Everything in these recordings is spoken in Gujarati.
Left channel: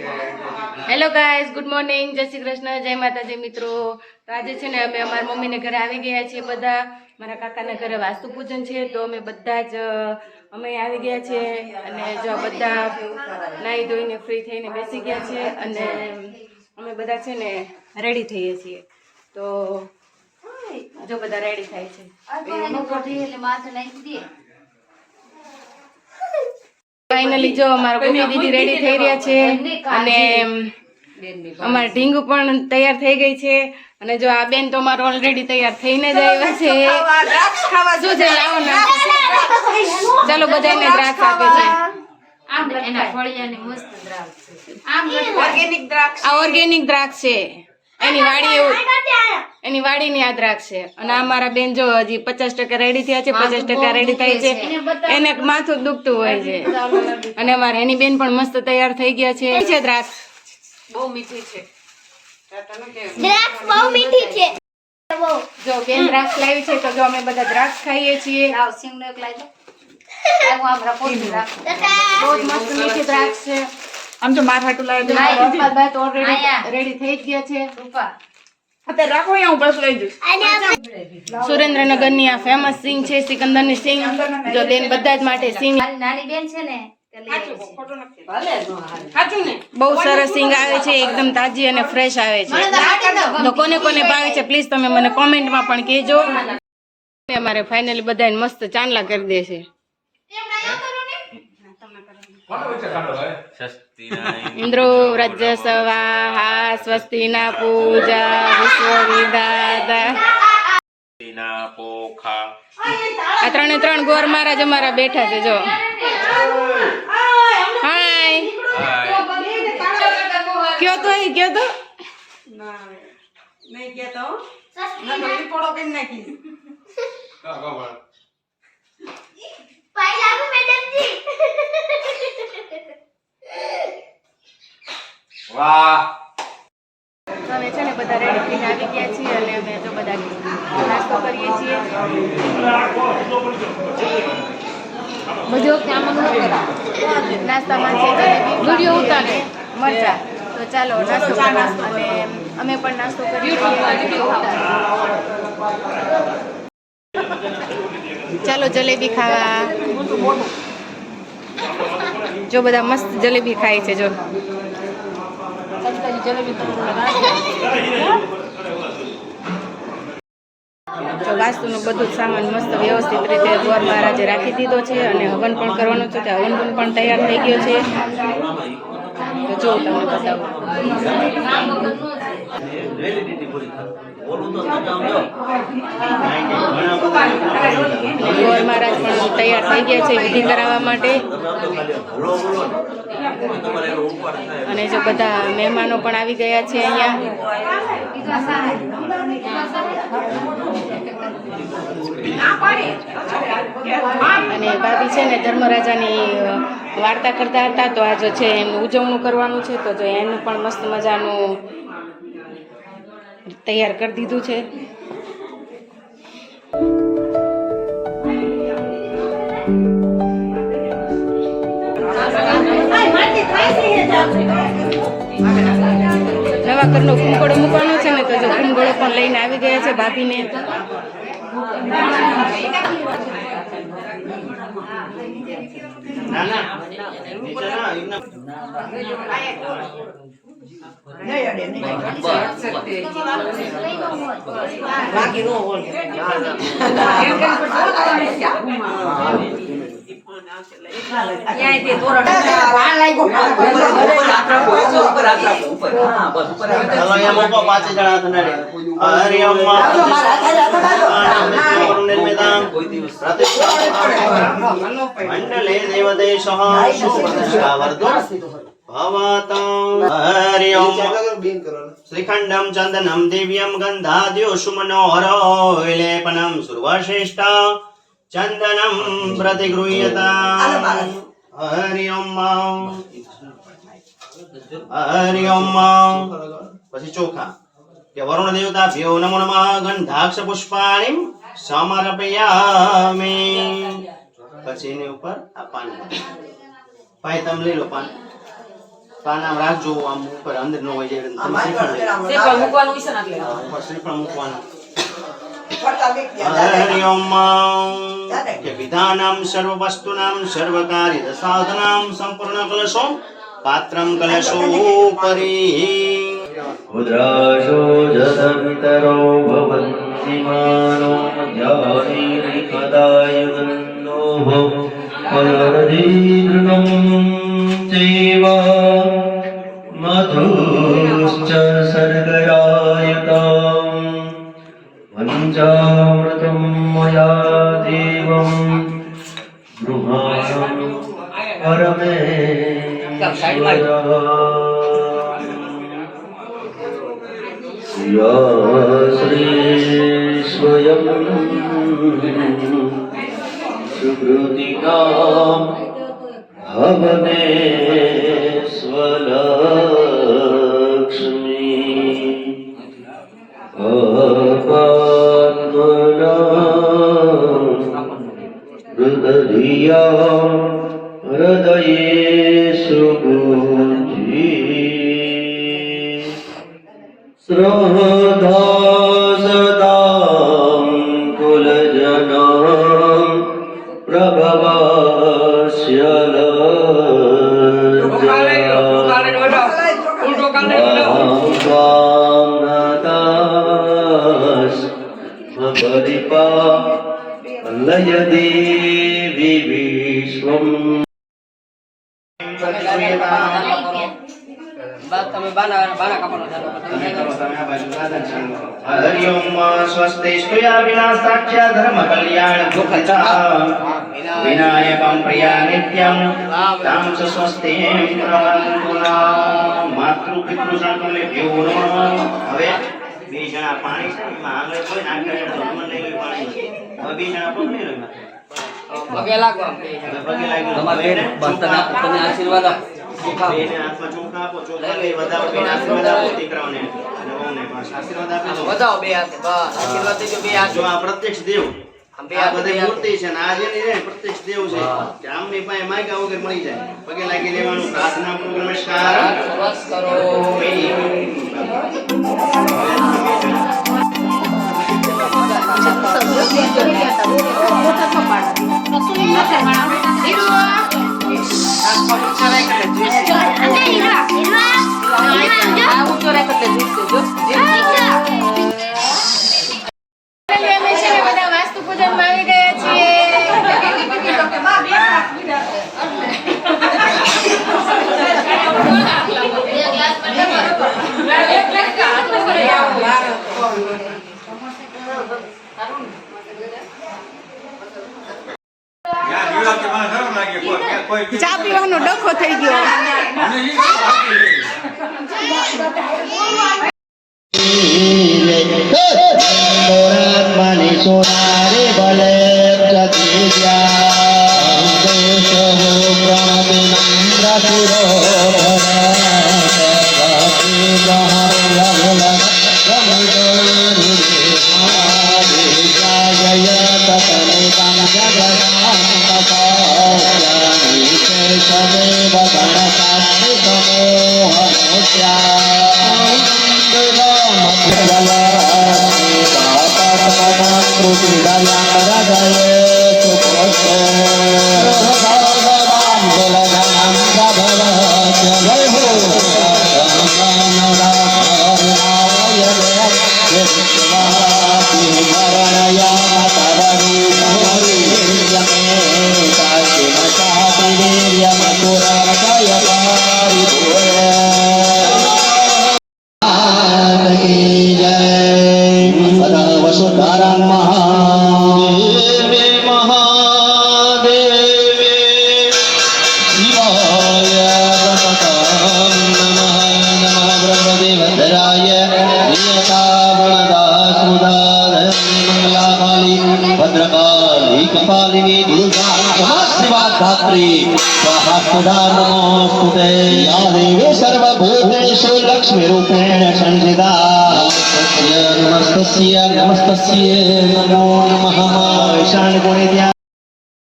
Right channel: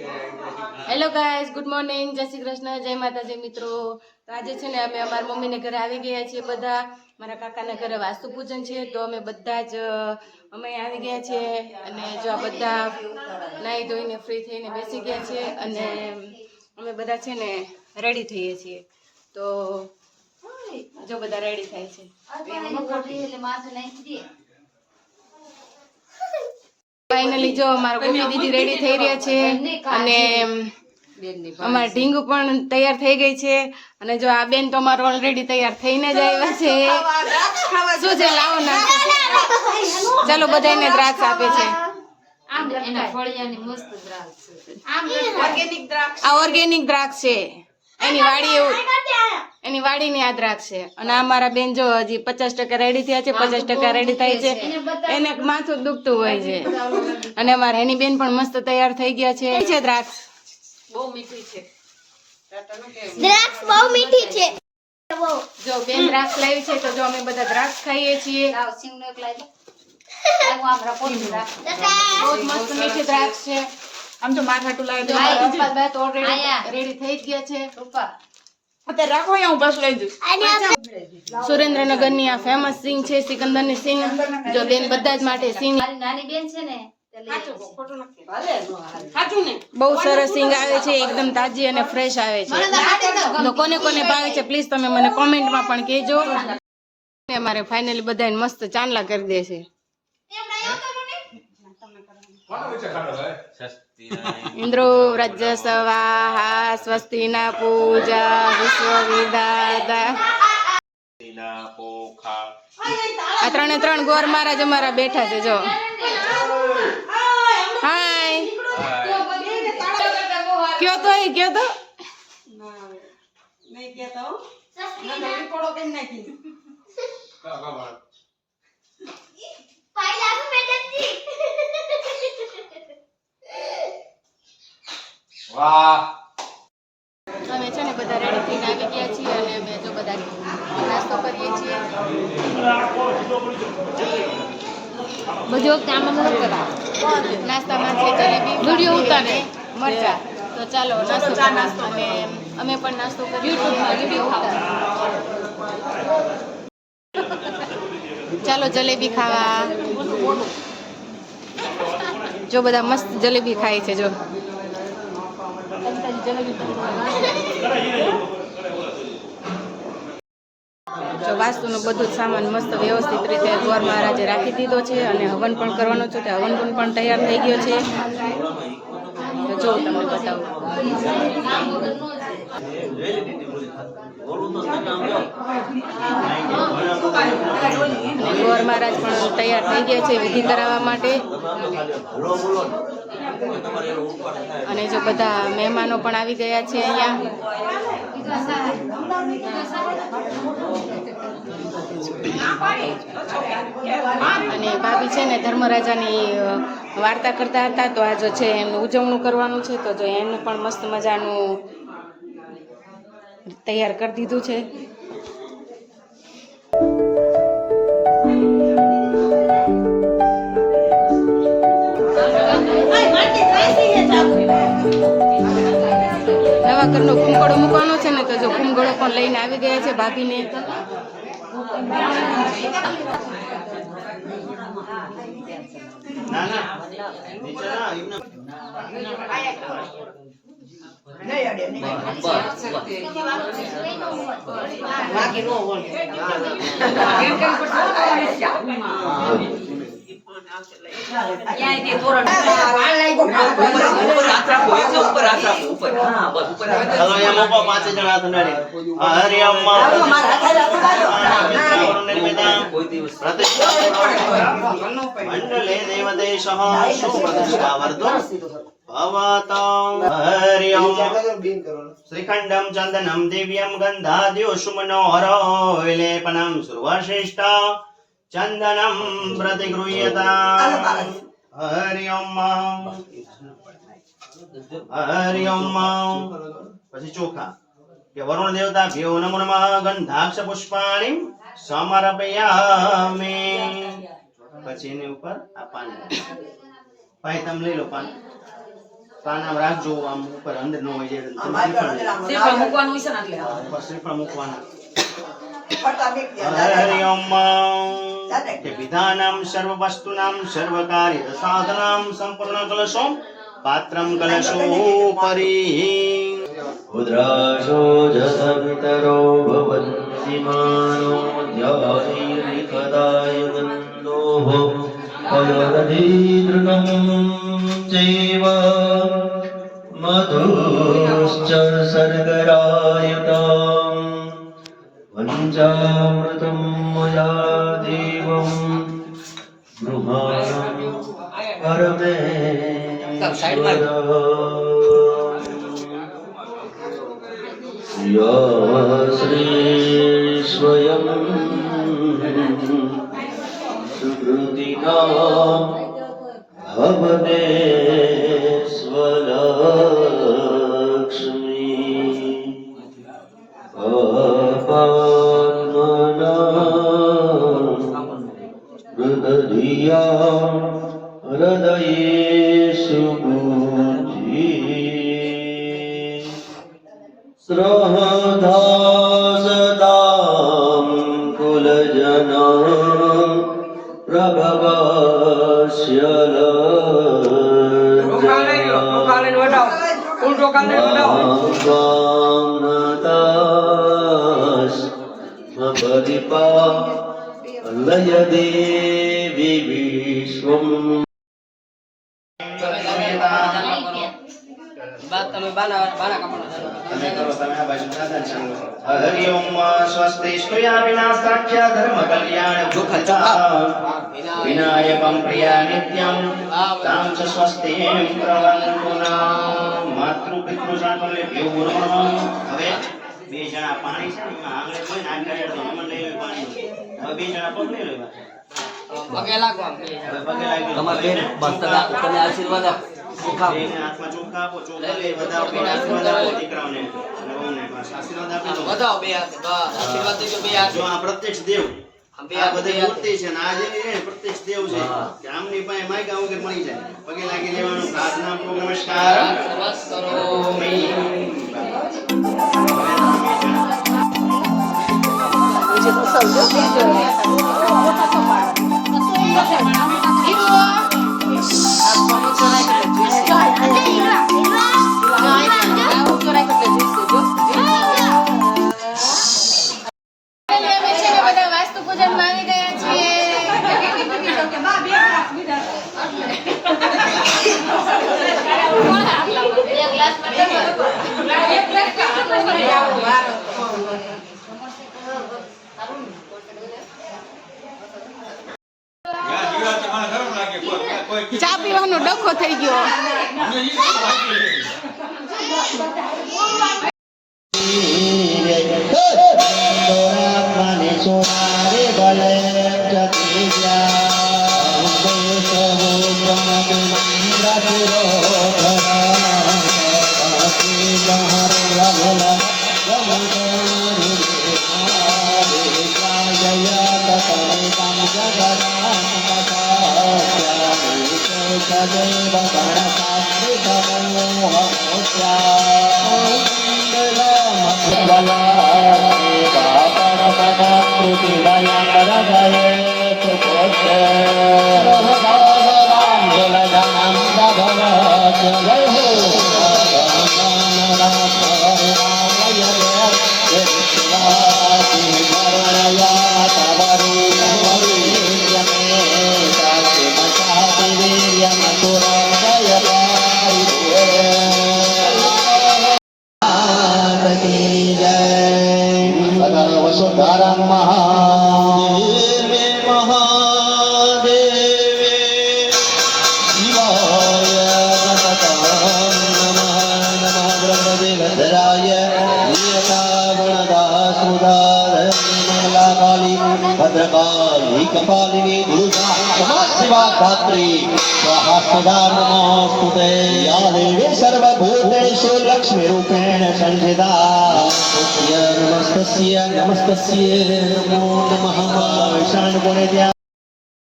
હેલો ગાઈઝ, ગુડ મોર્નિંગ, જય શ્રી કૃષ્ણ, જય માતાજી મિત્રો. તો આજે છે ને અમે અમારા મમ્મીને ઘરે આવી ગયા છીએ. બધા મારા કાકાના ઘરે વાસ્તુ પૂજન છે, તો અમે બધા જ અમે આવી ગયા છીએ. અને જો બધા નાહી ધોઈને ફ્રી થઈને બેસી ગયા છીએ અને અમે બધા છે ને રેડી થઈએ છીએ. તો જો બધા રેડી થાય છે. ફાઇનલી જો અમારા ગોપી દીદી રેડી થઈ રહ્યા છે અને અમારા ઢીંગુ પણ તૈયાર થઈ ગઈ છે. અને જો આ બેન તો અમારો ઓલરેડી તૈયાર થઈને જ આવ્યા છે. શું છે, લાવો ના, ચાલો બધાને દ્રાક્ષ આપે છે. આ ઓર્ગેનિક દ્રાક્ષ છે, એની વાડીની આ દ્રાક્ષ છે. અને અમારા બેન જો હજી 50% રેડી થયા છે, 50% રેડી થાય છે. એને માથું દુખતું હોય છે. અને અમારા એની બેન પણ મસ્ત તૈયાર થઈ ગયા છે. દ્રાક્ષ બહુ મીઠી છે. જો બેન દ્રાક્ષ લાવી છે, તો જો અમે બધા દ્રાક્ષ ખાઈએ છીએ. બહુ જ મસ્ત મીઠી દ્રાક્ષ છે. આમ તો માર હાટુ લાવી રેડી થઈ ગયા છે. અત્યારે રાખો, અહીંયા હું બસ લઈ જઈશ. સુરેન્દ્રનગર ની આ ફેમસ સિંગ છે, સિકંદર ની સિંગ. જો બેન બધા જ માટે સિંગ, નાની બેન છે ને, બહુ સરસ સિંગ આવે છે, એકદમ તાજી અને ફ્રેશ આવે છે. તો કોને કોને ભાવે છે પ્લીઝ તમે મને કોમેન્ટમાં પણ કહેજો. અમારે ફાઇનલી બધાને મસ્ત ચાંદલા કરી દે છે. ઇન્દ્રો વ્રજ સ્વાહા સ્વસ્તિના પૂજા વિશ્વવિદાતા. આ 3 ગોર મહારાજ અમારા બેઠા છે. જો હાય કયો તો નહીં કહેતો નકલી પડો કે નાખી. વાહ, અમે છે ને બધા રેડી થઈને આવી ગયા છીએ અને અમે જો બધા નાસ્તો કરીએ છીએ. નાસ્તામાં છે જલેબી અને મરચા. તો ચાલો નાસ્તો કરવા. અને અમે પણ નાસ્તો કરીએ છીએ. ચાલો જલેબી ખાવા. જો બધા મસ્ત જલેબી ખાય છે. જો વાસ્તુનું બધું જ સામાન મસ્ત વ્યવસ્થિત રીતે ગોર મહારાજે રાખી દીધો છે. અને હવન પણ કરવાનો છે. તે હવન પણ તૈયાર થઈ ગયો છે. તો જો તમને બતાવું. ગોર મહારાજ પણ તૈયાર થઈ ગયા છે વિધિ કરાવવા માટે. અને જો બધા મહેમાનો પણ આવી ગયા છે અહીંયા. અને ભાભી છે ને ધર્મરાજાની વાર્તા કરતા હતા. તો આ જો છે એમનું ઉજવણું કરવાનું છે. તો જો એનું પણ મસ્ત મજાનું તૈયાર કરી દીધું છે. નવા ઘરનો કુંકળો મૂકવાનો છે ને, તો જો કુંકળો પણ લઈને આવી ગયા છે ભાભીને. श्रीखंडम चंदनम दिव्यम गंधाद्यो सुमनोहरो विलेपनम सुर्वश्रेष्ठा चंदनम प्रतिगृह्यता. हरि ओम हरि ओम. પછી ચોખા કે વરુણ દેવતા ભ્યો નમો નમઃ ગંધાક્ષ પુષ્પાણિ સમર્પયામિ. પછી એની ઉપર આ પાન ભાઈ તમે લઈ લો પાન. તો આ નામ રાખજો આમ ઉપર અંદર ન હોય જાય તમે શ્રીફળ લઈ શ્રીફળ મૂકવાનું છે ને એટલે ઉપર શ્રીફળ મૂકવાના હરિ ઓમ કે વિધાનામ સર્વ વસ્તુનામ સર્વ કાર્ય સાધનામ સંપૂર્ણ કલશો પાત્રમ કલશો પરી ઉદ્રાશો જતપિતરો ભવન્તિ માનો ધ્યાની કદાય ગંદો ફલદીર્ણમ ચૈવ મધુશ્ચ સર્ગરાયતામ પંચામૃતમ મયા દેવમ ગૃહાય પરમે શ્રી સ્વયં સુકૃતિકા ભવને સ્વલક્ષ્મી હૃદયા હૃદયે સુબુદ્ધિ શ્રદ્ધાસતાં કુલજનાં પ્રભવસ્ય લજ્જા લય દેવી વિશ્વમ તમે બાના કાપવાનો ચાલુ હરિ ઓમ સ્વસ્તિ સ્તુયા વિનાશાખ્ય ધર્મ કલ્યાણ ગુપ્તા વિનાયકમ પ્રિયા નિત્યમ તામ ચ સ્વસ્તિ પ્રવંતુના માતૃ પિતૃ સાંતુલ્ય ભેવું હવે બે જણા પાણી છે એમાં આંગળે કોઈ નાખે છે તો અમન લઈ લે પાણી હવે બે જણા પગ લઈ લે પગે લાગો પગે લાગી તમે આશીર્વાદ આપો બેને હાથમાં ચોખા આપો ચોખા લઈ બધા પગે આશીર્વાદ આપો દીકરાઓને અને વહુને બસ આશીર્વાદ આપી દો બતાવો બે હાથે બસ આશીર્વાદ દેજો બે હાથે જો આ પ્રત્યક્ષ દેવ બે આ હાથે બધી મૂર્તિ છે ને આ જે ને પ્રત્યક્ષ દેવ છે કે આમની પાસે માયકા વગર મળી જાય પગે લાગી લેવાનું પ્રાર્થના પૂર્વક નમસ્કાર બસ કરો અમે છે ને બધા વાસ્તુ પૂજનમાં આવી ગયા છીએ ચા પીવાનો ડખો થઈ ગયો सर्वभूतेषु लक्ष्मीरूपेण संस्थिता नमस्तस्य नमो नमः ईशान गुणे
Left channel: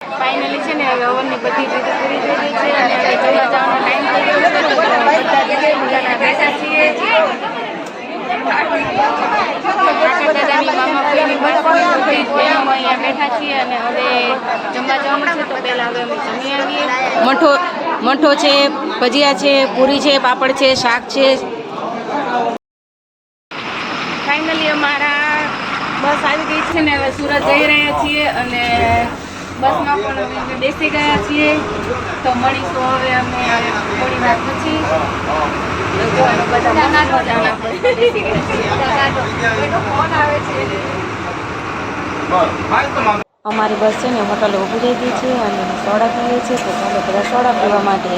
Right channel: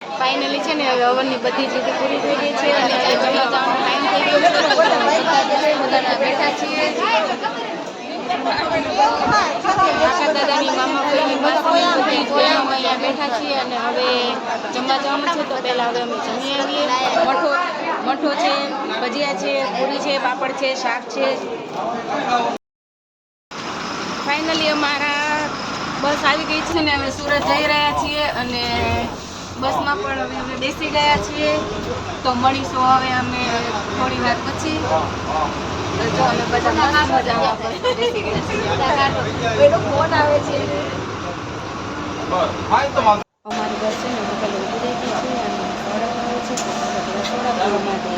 ફાઇનલી છે ને હવનની બધી જ રીતે પૂરી થઈ ગઈ છે અને હવે જમવા જવાનો ટાઈમ થઈ ગયો છે તો બધા જ મજાના બેઠા છીએ. કાકા દાદાની મામા ફઈની માસી બધી જ બહેનો અહીંયા બેઠા છીએ અને હવે જમવા જવાનું છે તો પહેલાં હવે અમે જમી આવીએ. મઠો છે, ભજીયા છે, પૂરી છે, પાપડ છે, શાક છે. ફાઇનલી અમારા બસ આવી ગઈ છે ને હવે સુરત જઈ રહ્યા છીએ અને બસમાં પણ અમે બેસી ગયા છીએ તો મળીશું હવે અમે થોડી વાર પછી. જો અમે બધા મસ્ત મજાના પર બેસી ગયા છીએ. અમારી બસ છે ને હોટલે ઊભી રહી ગઈ છે અને સોડા પીએ છીએ તો ચાલો બધા સોડા પીવા માટે